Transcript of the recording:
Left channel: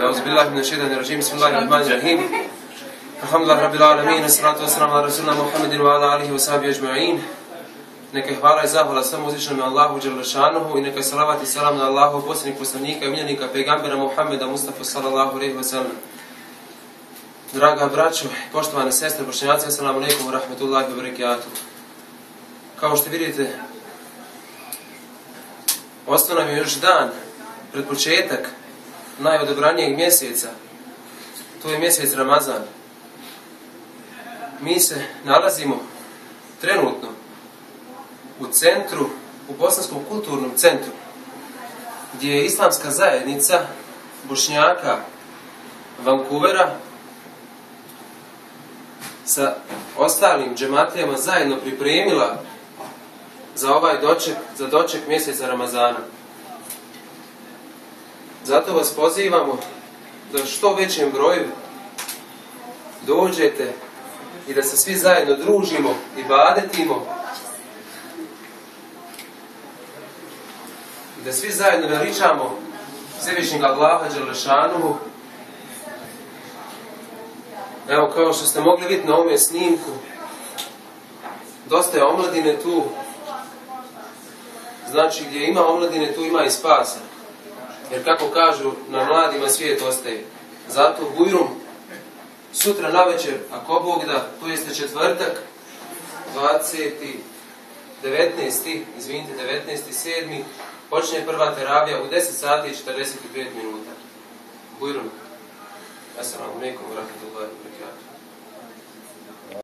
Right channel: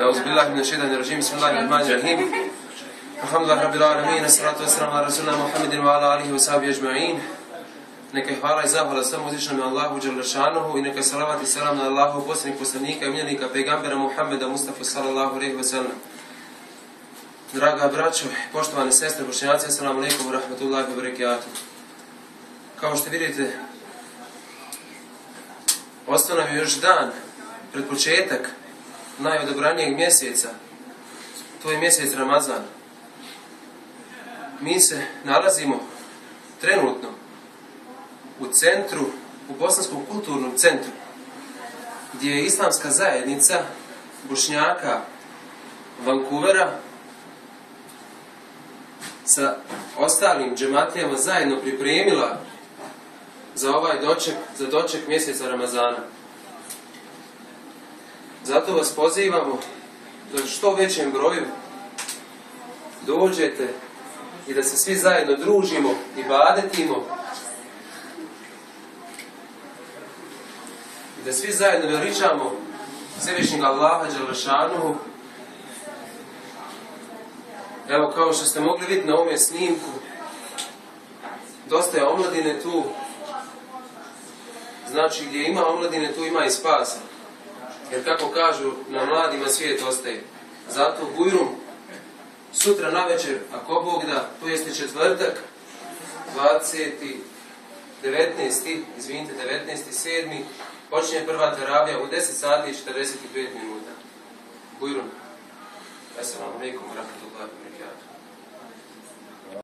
أعوذ بالله من الشيطان الرجيم بسم الله الرحمن الرحيم الحمد لله رب العالمين الصلاة والسلام على رسولنا محمد وعلى آله وصحبه أجمعين. Neka je hvala i zahvala samo uzvišenom Allahu dželle šanuhu i neka je salavat i selam na Allahu posljednjeg poslanika i miljenika pejgambera Muhammeda Mustafa sallallahu alejhi ve sellem. Draga braćo, poštovane sestre, bošnjaci, assalamu alejkum ve rahmetullahi ve berekatuh. Kao što vidite, ostao nam je još dan pred početak najodabranijeg mjeseca, to je mjesec Ramazan. Mi se nalazimo trenutno u centru, u Bosanskom kulturnom centru, gdje je islamska zajednica Bošnjaka Vancouvera sa ostalim džematlijama zajedno pripremila za ovaj doček mjeseca Ramazana. Zato vas pozivamo da što većem broju dođete i da se svi zajedno družimo i ibadetimo i da svi zajedno veličamo Svevišnjeg Allaha dželle šanuhu. Evo, kao što ste mogli vidjeti na ovome snimku, dosta je omladine tu. Znači, gdje ima omladine, tu ima i spasa. Jer kako kažu, na mladima svijet ostaje. Zato Bujrum sutra navečer, ako Bog da, to jeste četvrtak, 19.7. počinje prva teravija u 10 sati i 45 minuta. Bujrum. Assalamu alejkum wa rahmatullahi wa barakatuh.